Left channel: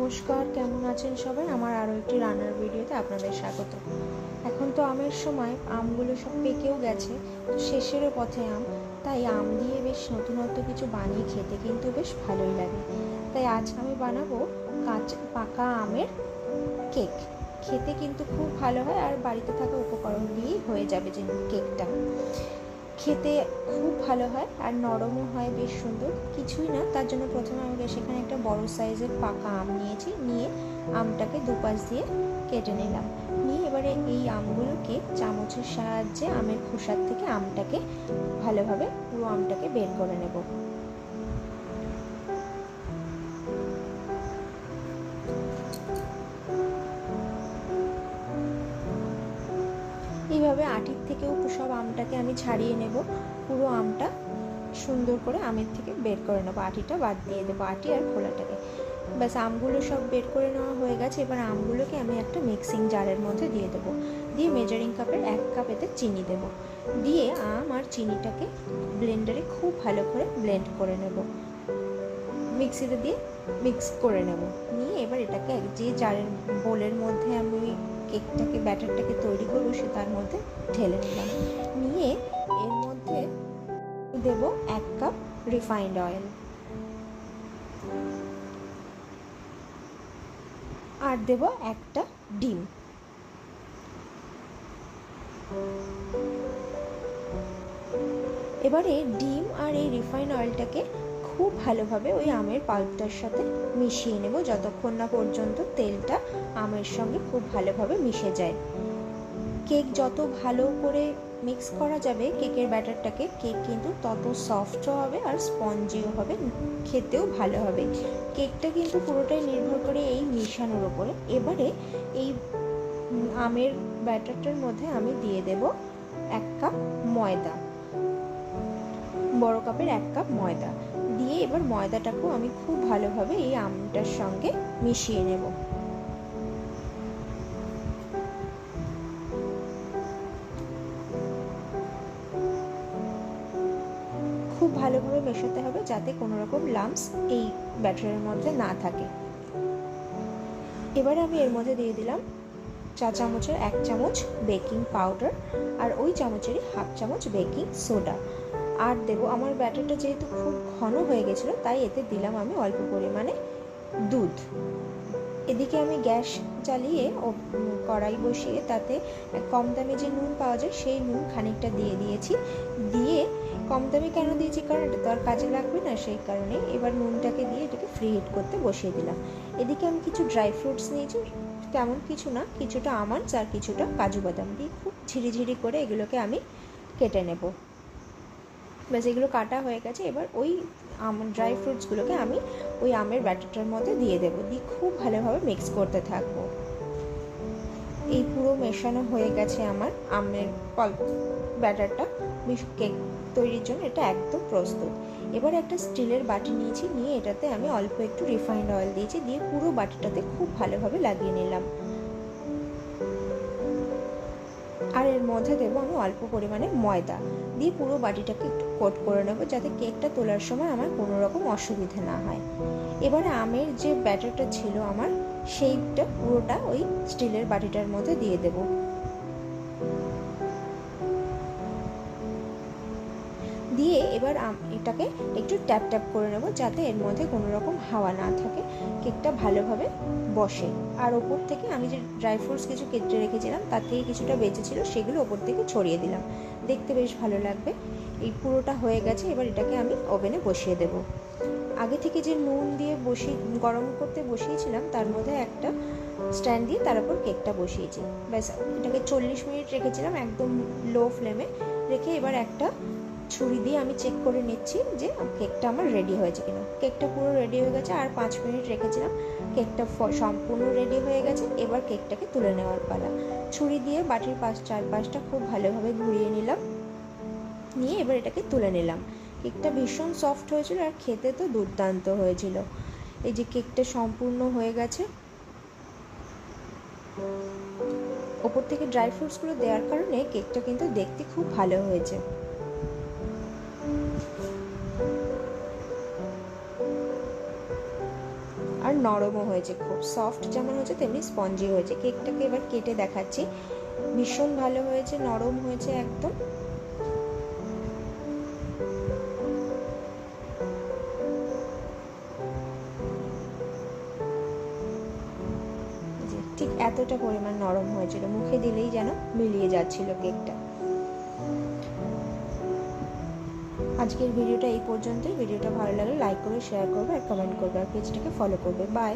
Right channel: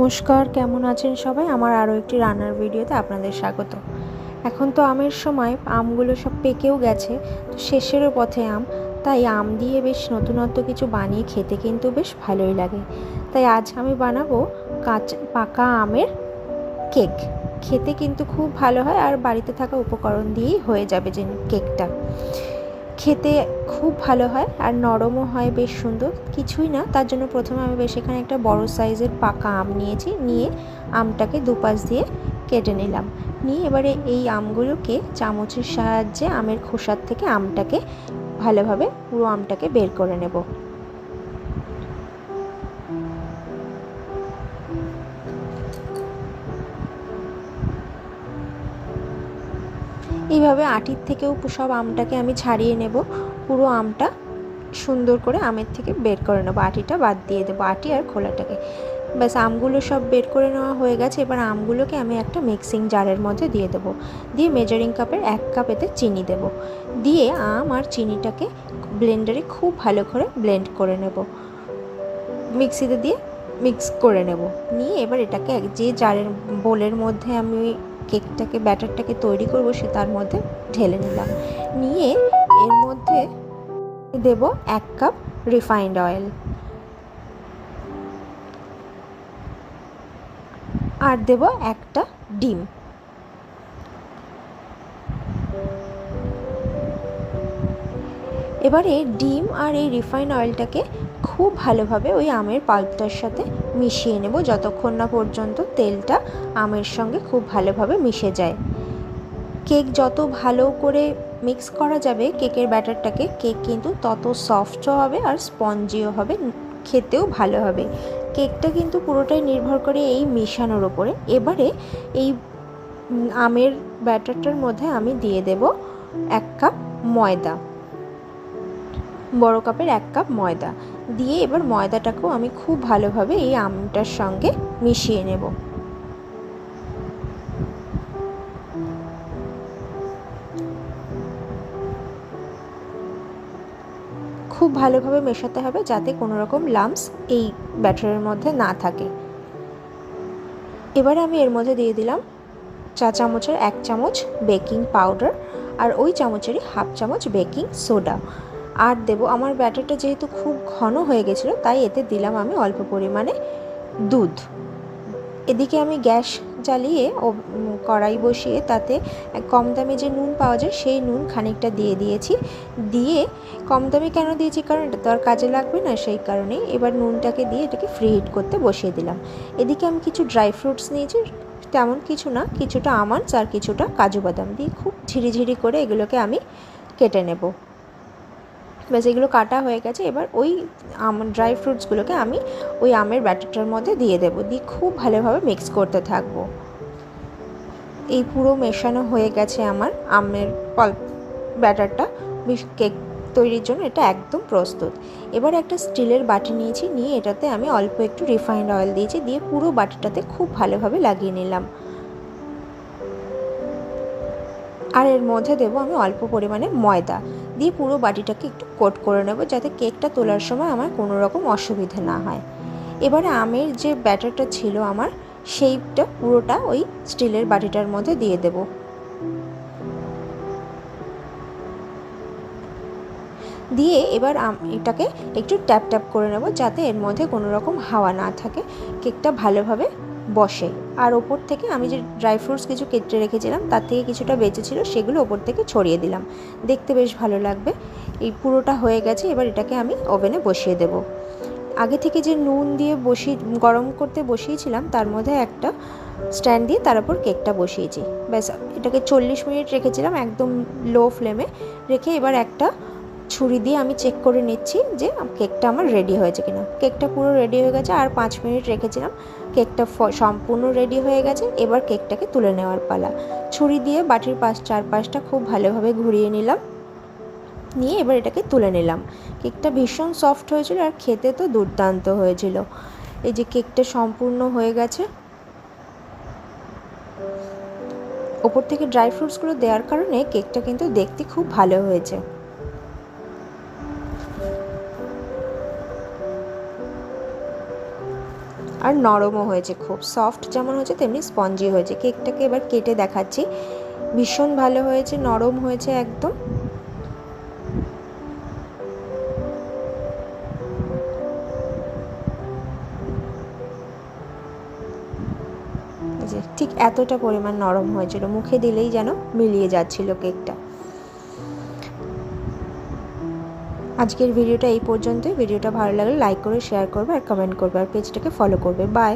নমস্কার, কেমন আছেন সবাই? আমার আরও একটি রান্নার ভিডিওতে আপনাদের স্বাগত। এখন তো আমের সময়, আমগুলো সব পেকেও গেছে, তো শেষেরও পথে আম। তাই আম দিয়ে বেশ নতুনত্ব কিছু বানিয়ে খেতে কিন্তু বেশ ভালোই লাগে। তাই আজ আমি বানাবো পাকা আমের কেক। খেতে কিন্তু খুব ভালো হয়, আর বাড়িতে থাকা উপকরণ দিয়েই হয়ে যাবে যে কেকটা। খেতে খুব ভালো হয় আর নরমও হয়, বেশ সুন্দর। কিছুই না, তার জন্য প্রথমে আমি বেশ এখানে একটা বড় সাইজের পাকা আম নিয়েছি। নিয়ে আমটাকে দুপাশ দিয়ে কেটে নিলাম। নিয়ে এবারে এই আমগুলোকে চামচের সাহায্যে আমের খোসার থেকে আমটাকে ভালোভাবে পুরো আমটাকে বের করে নেব। এইভাবে আটির থেকেও সব আমটাকে আমি ছাড়িয়ে নেব। পুরো আমটা সুন্দর করে আমের থেকে বের করে নেবো, আটিটা বাদ দিয়ে দেবো, আটি আর খোলাটাকে। ব্যাস আমগুলো সব বের করে নেওয়া হয়ে গেছে। এবার আমগুলোকে আমি একটা মিক্সিং জারের মধ্যে দিয়ে দেবো। দিয়ে মেজারিং কাপের 1 কাপ এতে চিনি দেবো। দিয়ে আম আর চিনিটাকে ব্লেন্ডারে খুব ভালো করে ব্লেন্ড করে নেব, মিক্সিতে দিয়ে মিক্স করে নেব। নিয়ে এবার এটাকে যে জারের বোলের মধ্যে আমি কেকটাকে ব্যাটারটাকে তৈরি করব সে তার মধ্যে ঢেলে নিলাম। নিয়ে এর মধ্যে দেব 1 কাপ রিফাইন্ড অয়েল আর দেব একটা ডিম। এবারে ডিম আর এই রিফাইন্ড অয়েলটাকে খুব ভালোভাবে ওই আমের পাল্পটার সাথে মিশিয়ে নেব, যতক্ষণ না পর্যন্ত তেলটা আমের সঙ্গে খুব ভালোভাবে মিশে যায়। কেক যত ভালো করে মিক্স করা যাবে কেকের ব্যাটারটাকে, কেক কিন্তু তত সফটও হবে আর স্পঞ্জিও হবে, খেতেও ভালো হবে। কেকটা কিন্তু পুরোটাই নির্ভর করে এই মেশানোর ওপরে। এবারে এই আমের ব্যাটারটার মধ্যে আমি দিয়ে দেব 1 কাপ ময়দা, বড় কাপের 1 কাপ ময়দা দিয়ে এবার ময়দাটাকেও আমি খুব ভালোভাবে এই আমটার সঙ্গে মিশিয়ে নেব। খুব ভালোভাবে মেশাতে হবে যাতে কোনো রকম লাম্পস এই ব্যাটারের মধ্যে না থাকে। এবারে আমি এর মধ্যে দিয়ে দিলাম চা চামচের 1 চামচ বেকিং পাউডার আর ওই চামচেরই 1/2 চামচ বেকিং সোডা। আর দেব, আমার ব্যাটারটা যেহেতু খুব ঘন হয়ে গেছিলো তাই এতে দিলাম আমি অল্প পরিমাণে দুধ। এদিকে আমি গ্যাস জ্বালিয়ে কড়াই বসিয়ে তাতে কম দামে যে নুন পাওয়া যায় সেই নুন খানিকটা দিয়ে দিয়েছি। দিয়ে কম দামে কেন দিয়েছি, কারণ এটা তো আর কাজে লাগবে না, সেই কারণে এবার নুনটাকে দিয়ে এটাকে ফ্রি হিট করতে বসিয়ে দিলাম। এদিকে আমি কিছু ড্রাই ফ্রুটস নিয়েছি, তেমন কিছু না, কিছুটা আমন্ডস আর কিছুটা কাজু বাদাম দিয়ে খুব ঝিরিঝিরি করে এগুলোকে আমি কেটে নেব। ব্যাস এগুলো কাটা হয়ে গেছে। এবার ওই ড্রাই ফ্রুটসগুলোকে আমি ওই আমের ব্যাটারটার মধ্যে দিয়ে দেবো, দিয়ে খুব ভালোভাবে মিক্স করতে থাকবো। এই পুরো মেশানো হয়ে গেছে আমার আমের ব্যাটারটা। কেক তৈরির জন্য এটা একদম প্রস্তুত। এবার একটা স্টিলের বাটি নিয়েছি, নিয়ে এটাতে আমি অল্প একটু রিফাইন্ড অয়েল দিয়েছি, দিয়ে পুরো বাটিটাতে খুব ভালোভাবে লাগিয়ে নিলাম। আর এর মধ্যে দেবো আমি অল্প পরিমাণে ময়দা, দিয়ে পুরো বাটিটাকে একটু কোট করে নেব যাতে কেকটা তোলার সময় আমার কোনো রকম অসুবিধে না হয়। এবারে আমের যে ব্যাটারটা ছিল আমার, সেইটা পুরোটা ওই স্টিলের বাটিটার মধ্যে দিয়ে দেব। দিয়ে এবার এটাকে একটু ট্যাপ ট্যাপ করে নেব যাতে এর মধ্যে কোনো রকম হাওয়া না থাকে, কেকটা ভালোভাবে বসে। আর ওপর থেকে আমি যে ড্রাই ফ্রুটস কিছু কেটে রেখেছিলাম তার থেকে কিছুটা বেঁচে ছিল, সেগুলো ওপর থেকে ছড়িয়ে দিলাম, দেখতে বেশ ভালো লাগবে। এই পুরোটা হয়ে গেছে। এবার এটাকে আমি ওভেনে বসিয়ে দেব। আগে থেকে যে নুন দিয়ে গরম করতে বসিয়েছিলাম তার মধ্যে একটা স্ট্যান্ড দিয়ে তার উপর কেকটা বসিয়েছি। ব্যাস এটাকে 40 মিনিট রেখেছিলাম একদম লো ফ্লেমে রেখে। এবার একটা ছুরি দিয়ে আমি চেক করে নিচ্ছি যে কেকটা আমার রেডি হয়েছে কিনা। কেকটা পুরো রেডি হয়ে গেছে, আর 5 মিনিট রেখেছিলাম, কেকটা সম্পূর্ণ রেডি হয়ে গেছে। এবার কেকটাকে তুলে নেওয়ার পালা। ছুরি দিয়ে বাটির চারপাশটা খুব ভালোভাবে ঘুরিয়ে নিলাম, নিয়ে এবার এটাকে তুলে নিলাম। কেকটা ভীষণ সফট হয়েছিল আর খেতে তো দুর্দান্ত হয়েছিল। এই যে কেকটা সম্পূর্ণ হয়ে গেছে। ওপর থেকে ড্রাই ফ্রুটসগুলো দেওয়ার কারণে কেকটা কিন্তু দেখতে খুব ভালো হয়েছে। আর আর নরমও হয়েছে, খুব সফট যেমন হয়েছে তেমনি স্পঞ্জি হয়েছে। কেকটাকে এবার কেটে দেখাচ্ছি। ভীষণ ভালো হয়েছে, নরম হয়েছে একদম। ঠিক এতটা পরিমাণ নরম হয়েছিল, মুখে দিলেই যেন মিলিয়ে যাচ্ছিল কেকটা। আজকের ভিডিওটা এই পর্যন্তই। ভিডিওটা ভালো লাগলে লাইক করে শেয়ার করবে আর কমেন্ট করবে আর পেজটাকে ফলো করবে। বাই।